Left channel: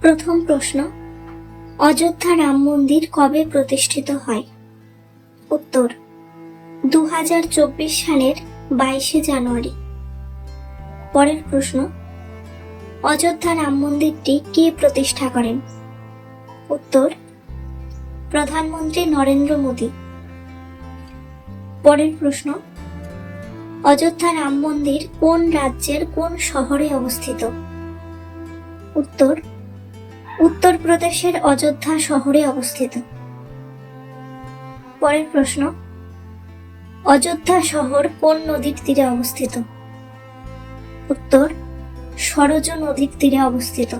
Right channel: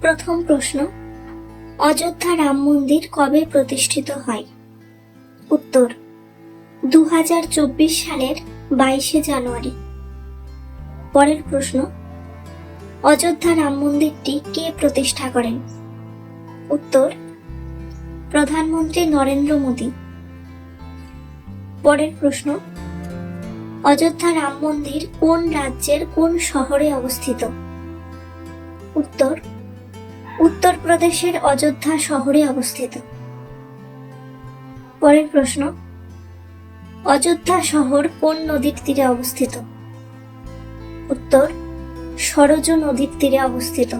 প্রথম প্রশ্ন, অযোধ্যা রাম মন্দির কবে প্রতিষ্ঠিত হয়? উত্তর, দুহাজার চব্বিশ সালের বাইশে জানুয়ারি। পরের প্রশ্ন, অযোধ্যা রাম মন্দিরটি কে প্রতিষ্ঠা করেন? উত্তর, প্রধানমন্ত্রী নরেন্দ্র মোদী। পরের প্রশ্ন, অযোধ্যা রাম মন্দির কোন রাজ্যের কোন শহরে অবস্থিত? উত্তর উত্তরপ্রদেশের অযোধ্যা শহরে অবস্থিত। পরের প্রশ্ন, অযোধ্যা শহর কোন নদীর তীরে অবস্থিত? উত্তর, সরজ নদীর তীরে অবস্থিত।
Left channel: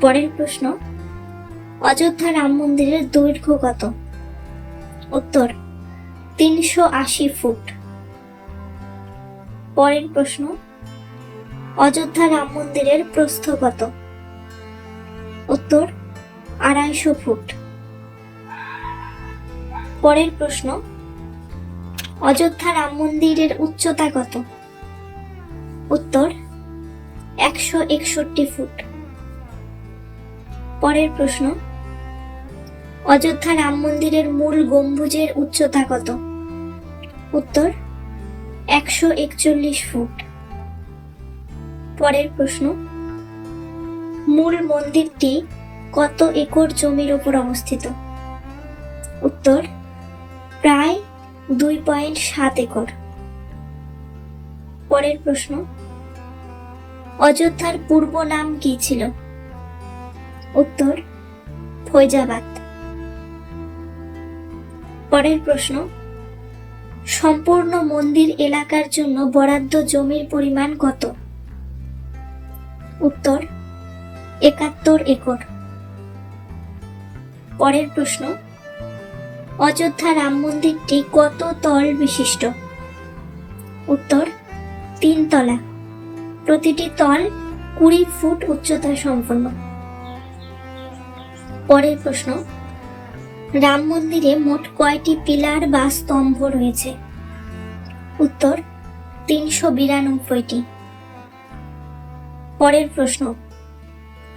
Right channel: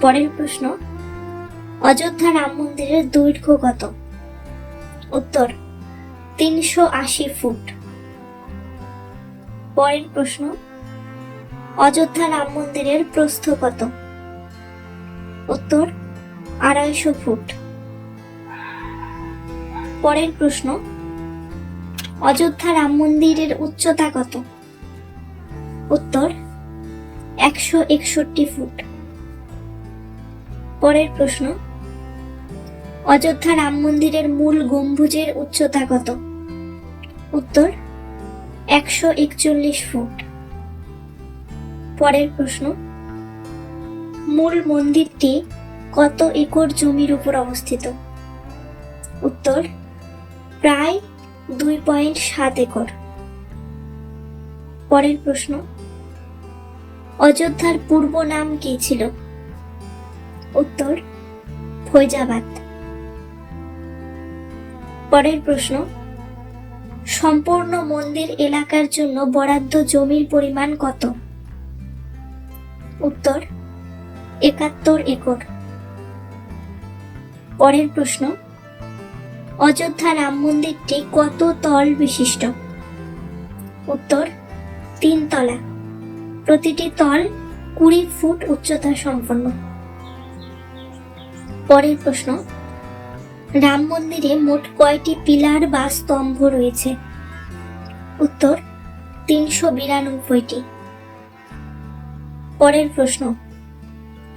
পরের প্রশ্ন, অযোধ্যা রাম মন্দিরের দৈর্ঘ্য কত? উত্তর, তিনশো আশি ফুট। পরের প্রশ্ন, অযোধ্যা রাম মন্দিরের প্রস্থ কত? উত্তর, আড়াইশো ফুট। পরের প্রশ্ন, অযোধ্যা রাম মন্দিরের উচ্চতা কত? উত্তর, একশো একষট্টি ফুট। পরের প্রশ্ন, অযোধ্যা রাম মন্দিরের মূল গম্বুজের উচ্চতা কত? উত্তর, একশো একচল্লিশ ফুট। পরের প্রশ্ন মূল মন্দিরটি কত একর জমির উপর অবস্থিত? উত্তর, প্রায় দুই পয়েন্ট সাত একর। পরের প্রশ্ন, অযোধ্যার পূর্ব নাম কি ছিল? উত্তর, ফৈজাবাদ। পরের প্রশ্ন, সম্পূর্ণ মন্দির এলাকার জন্য বরাদ্দ জমির পরিমাণ কত? উত্তর একাত্তর একর। পরের প্রশ্ন, অযোধ্যা রাম মন্দিরটি কত তল বিশিষ্ট? উত্তর, তিন তলা। প্রতিটি তল কুড়ি ফুট উচ্চতা সম্পন্ন। পরের প্রশ্ন, রাম মন্দিরে মোট কয়টি পিলার বা স্তম্ভ রয়েছে? উত্তর, তিনশো বিরানব্বইটি। পরের প্রশ্ন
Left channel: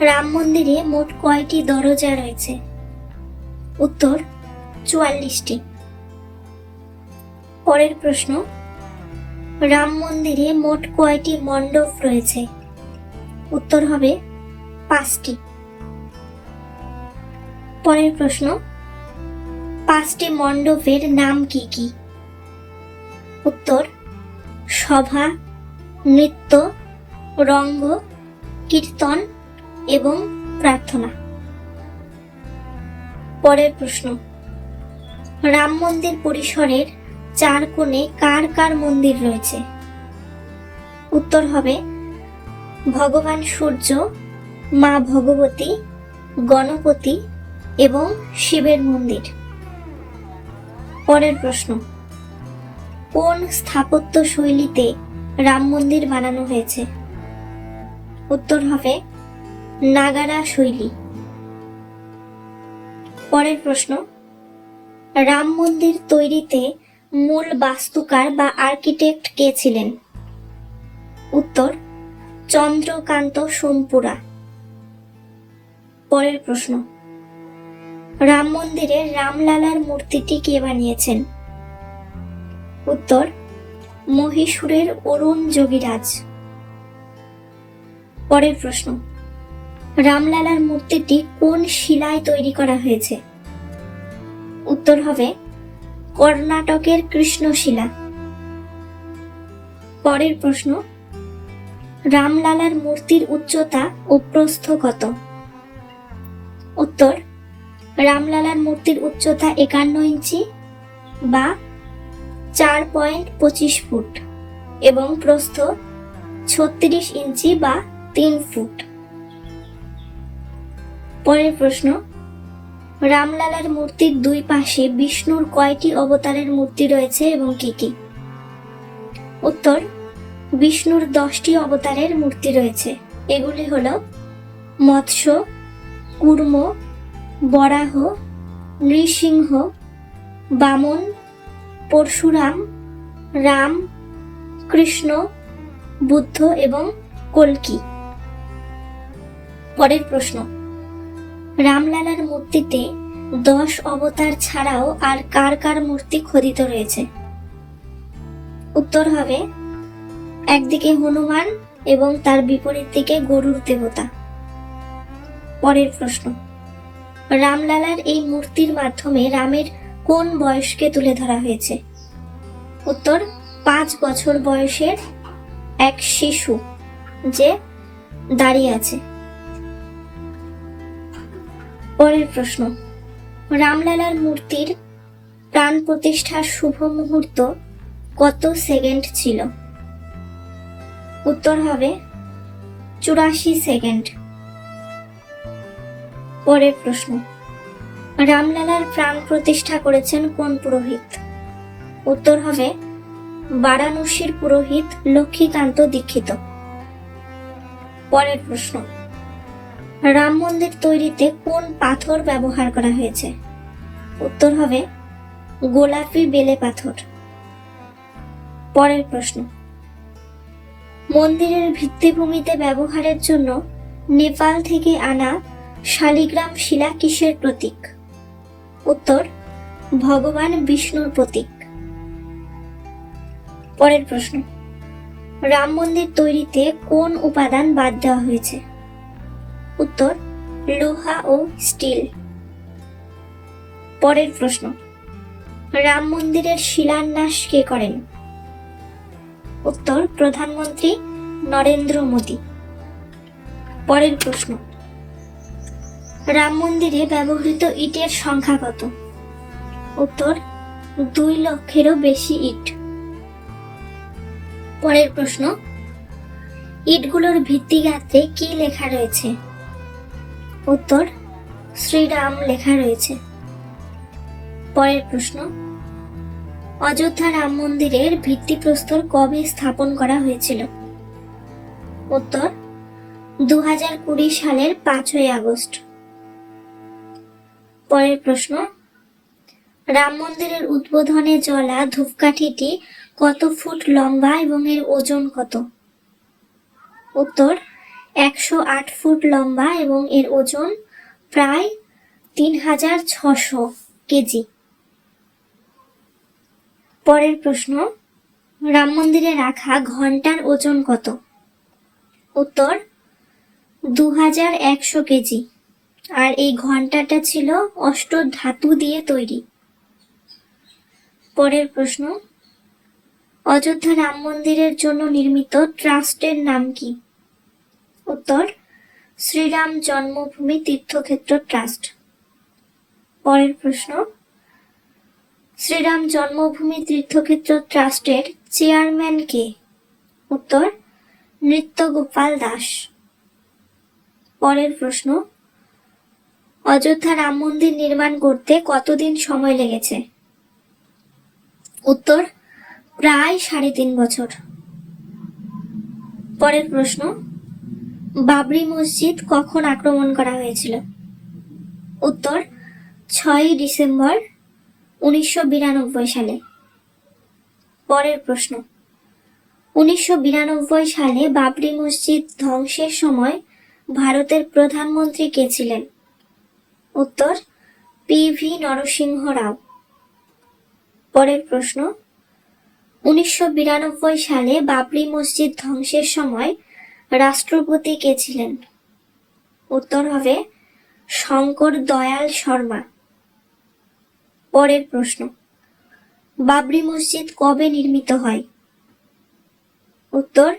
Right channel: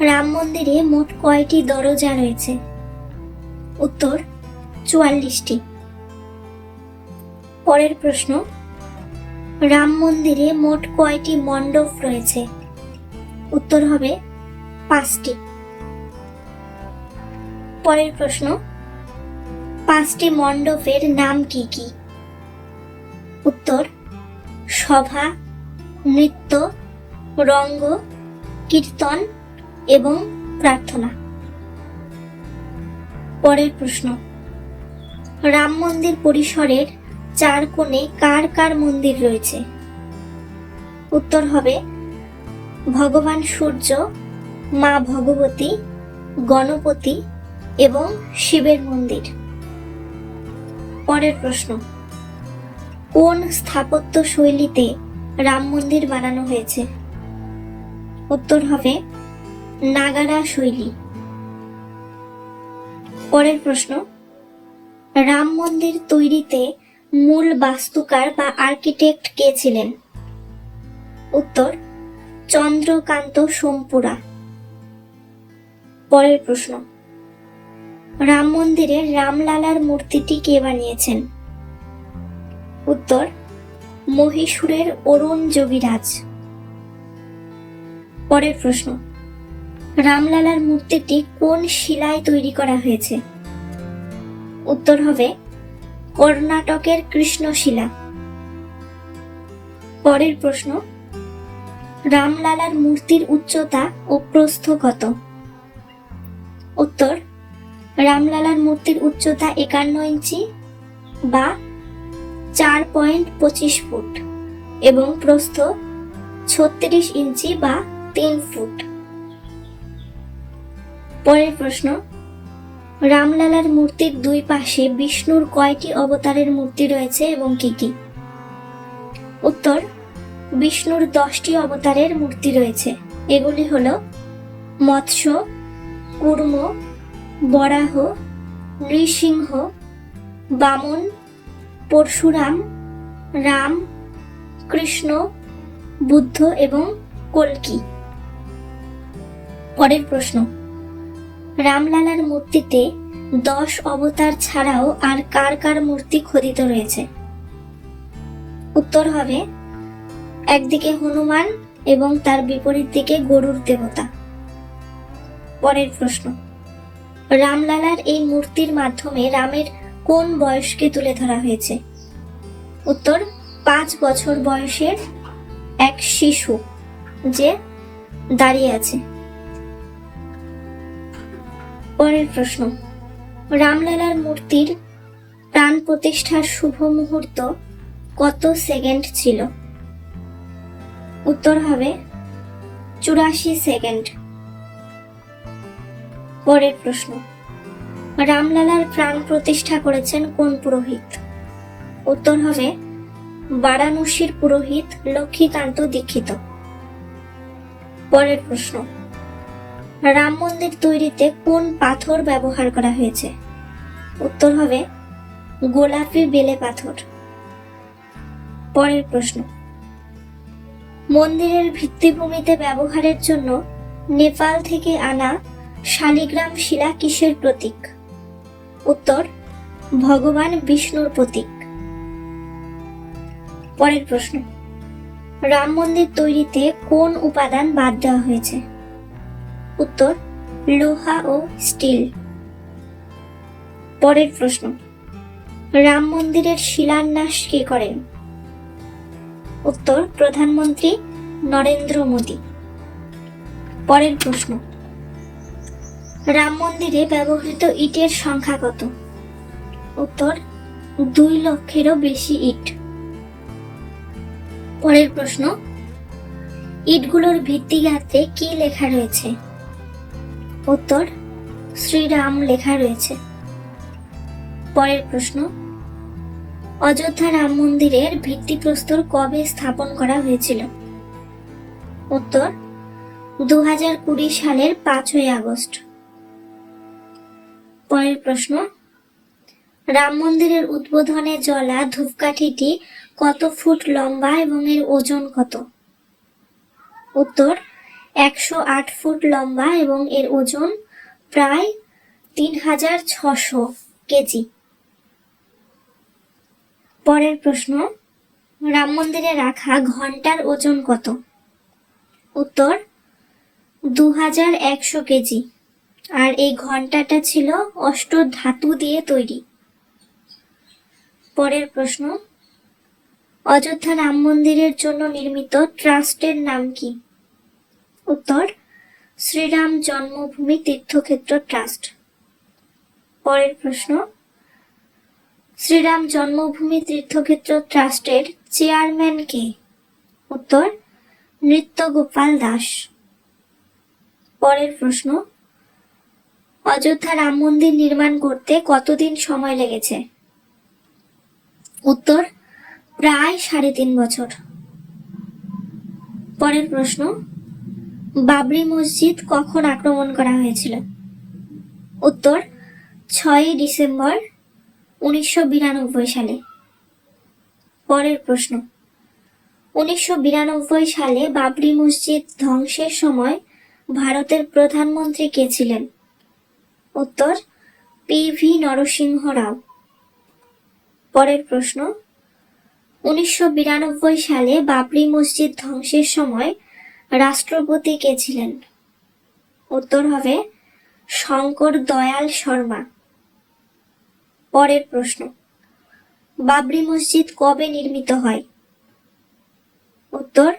রাম মন্দিরে মোট কয়টি দরজা রয়েছে? উত্তর, চুয়াল্লিশটি। পরের প্রশ্ন, রাম মন্দিরে মোট কয়টি মণ্ডপ রয়েছে? উত্তর হবে, পাঁচটি। পরের প্রশ্ন, পাঁচটি মণ্ডপের নাম কি কি? উত্তর, সভা, নৃত্য, রঙ্গ, কীর্তন এবং প্রার্থনা। পরের প্রশ্ন। রাম মন্দির পরিসরের চার কোণে কার কার মন্দির রয়েছে? উত্তর হবে, ভগবান সূর্য, মা ভগবতী, গণপতি এবং শিবের মন্দির। পরের প্রশ্ন, কোন স্থাপত্য শৈলীতে রাম মন্দির বানানো হয়েছে? উত্তর হবে নাগারা শৈলী। পরের প্রশ্ন, রাম মন্দির তৈরিতে মূল বাস্তুকার বা আর্কিটেক্ট কে ছিলেন? উত্তর, চন্দ্রকান্ত সোমপুরা। পরের প্রশ্ন, রাম মন্দিরে রামলালার মূর্তিটি কে বানিয়েছেন? উত্তর, মহীশূরের অরুণ যোগীরাজ। পরের প্রশ্ন রামলালার মূর্তিটি কোন শিলায় তৈরি করা হয়েছে? উত্তর হবে, কর্ণাটকের কৃষ্ণশিলা। পরের প্রশ্ন, রামলালার মূর্তির উচ্চতা ও প্রস্থ কত? উত্তর, রামলালার মূর্তির উচ্চতা একান্ন ইঞ্চি বা চার পয়েন্ট পঁচিশ ফুট এবং প্রস্থ ছত্রিশ ইঞ্চি বা তিন ফুট। পরের প্রশ্ন। রামলালার মূর্তির দুই পাশে বিষ্ণুর কয়টি অবতারের মূর্তি রয়েছে এবং কি কি? উত্তর, বিষ্ণুর দশটি অবতারের মূর্তি রয়েছে। এগুলি হল মৎস্য, কুর্ম, বরাহ, নৃসিংহ, বামন, পরশুরাম, রাম, কৃষ্ণ, বুদ্ধ এবং কল্কি। পরের প্রশ্ন রামলালার মূর্তিতে দশ অবতার ছাড়াও আর কার কার মূর্তি খোদিত রয়েছে। উত্তর হবে, একদিকে হনুমান এবং তার বিপরীত দিকে গরুর দেবতা। পরের প্রশ্ন, রামলালার এই মূর্তির মাধ্যমে রামের কোন বয়সকে তুলে ধরা হয়েছে? উত্তর, পাঁচ বছর বয়সের এক শিশু যে দাঁড়িয়ে আছে। পরের প্রশ্ন। রামলালার মূর্তির প্রাণ প্রতিষ্ঠার শুভ মুহূর্ত কত সেকেন্ড ছিল? উত্তর হবে চুরাশি সেকেন্ড। পরের প্রশ্ন। রামলালার প্রাণ প্রতিষ্ঠা করেছেন কোন পুরোহিত? উত্তর হবে বারাণসীর পুরোহিত লক্ষ্মীকান্ত দীক্ষিত। পরের প্রশ্ন। রাম মন্দির তৈরিতে কোন পাথর ব্যবহার করা হয়েছে? উত্তর হবে, গোলাপি বেলে পাথর। পরের প্রশ্ন। মন্দিরের ভিত্তিভূমিতে ব্যবহারের জন্য নেপাল থেকে আনা শালিগ্রাম শিলা কিসের প্রতীক? উত্তর, ভগবান বিষ্ণুর প্রতীক। পরের প্রশ্ন। রাম মন্দির তৈরিতে কোন উপাদান বাদ দেওয়া হয়েছে? উত্তর, লোহা ও স্টিল। পরের প্রশ্ন, রাম মন্দিরের শিলান্যাস কে করেন? উত্তর, প্রধানমন্ত্রী নরেন্দ্র মোদী। পরের প্রশ্ন, রাম মন্দিরে ব্যবহৃত ইটের সংখ্যা কত? উত্তর, দুই লক্ষেরও বেশি ইট। পরের প্রশ্ন, ইটগুলোর ভিত্তিগাত্রে কি লেখা রয়েছে? উত্তর, শ্রীরাম লেখা রয়েছে। পরের প্রশ্ন, অযোধ্যা রাম মন্দিরের ভিত্তিপ্রস্তর কবে স্থাপন করা হয়েছিল? উত্তর দু হাজার কুড়ি সালের পাঁচই আগস্ট। পরের প্রশ্ন, রাম মন্দিরের উদ্বোধনে জ্বলা ধূপকাঠিটি কত ফুট লম্বা এবং এর ওজন কত? উত্তর একশো আট ফুট লম্বা এবং এর ওজন প্রায় তিন হাজার ছশো কেজি। পরের প্রশ্ন, রাম মন্দিরে রাখা ঘণ্টার ওজন কত? উত্তর, দু হাজার একশো কেজি। আর এই ঘন্টাটা ছিল অষ্ট ধাতু দিয়ে তৈরি। পরের প্রশ্ন, অযোধ্যা রাম মন্দিরের জন্য নির্মিত ট্রাস্টের নাম কি? উত্তর, শ্রীরাম জন্মভূমি তীর্থক্ষেত্র ট্রাস্ট। পরের প্রশ্ন, শ্রীরাম জন্মভূমি তীর্থক্ষেত্র ট্রাস্টের চেয়ারম্যান কে? উত্তর, নৃত্যগোপাল দাস। পরের প্রশ্ন, অযোধ্যা রাম মন্দির নির্মাণ করতে কতদিন সময় লেগেছে? উত্তর, প্রায় সাড়ে তিন বছর। পরের প্রশ্ন বাবরি মসজিদ কখন আক্রমণ করা হয়েছিল? উত্তর, ছয়ই ডিসেম্বর উনিশশো বিরানব্বই সালে। পরের প্রশ্ন, উনিশশো বিরানব্বই সালে বাবরি মসজিদ ধ্বংসের সময় ভারতের প্রধানমন্ত্রী কে ছিলেন? উত্তর, পি ভি নরসিংহ রাও। পরের প্রশ্ন, উনিশশো বিরানব্বই সালে বাবরি মসজিদ ধ্বংসের সময় রাষ্ট্রপতি কে ছিলেন? উত্তর হবে শঙ্কর দয়াল শর্মা। পরের প্রশ্ন, বাবরি মসজিদ কবে নির্মিত হয়? উত্তর,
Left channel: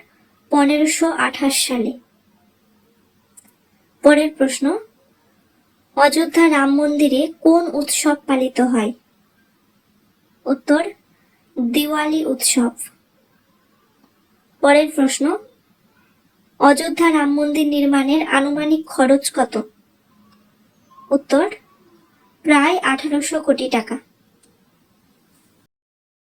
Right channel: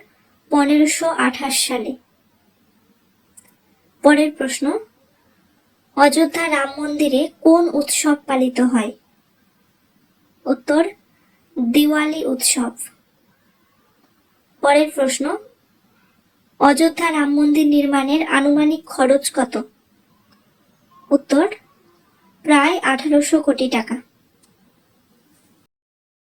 পনেরোশো আঠাশ সালে। পরের প্রশ্ন, অযোধ্যা রাম মন্দিরে কোন উৎসব পালিত হয়? উত্তর, দিওয়ালি উৎসব। পরের প্রশ্ন অযোধ্যা রাম মন্দির নির্মাণের আনুমানিক খরচ কত? উত্তর প্রায় আঠারোশো কোটি টাকা।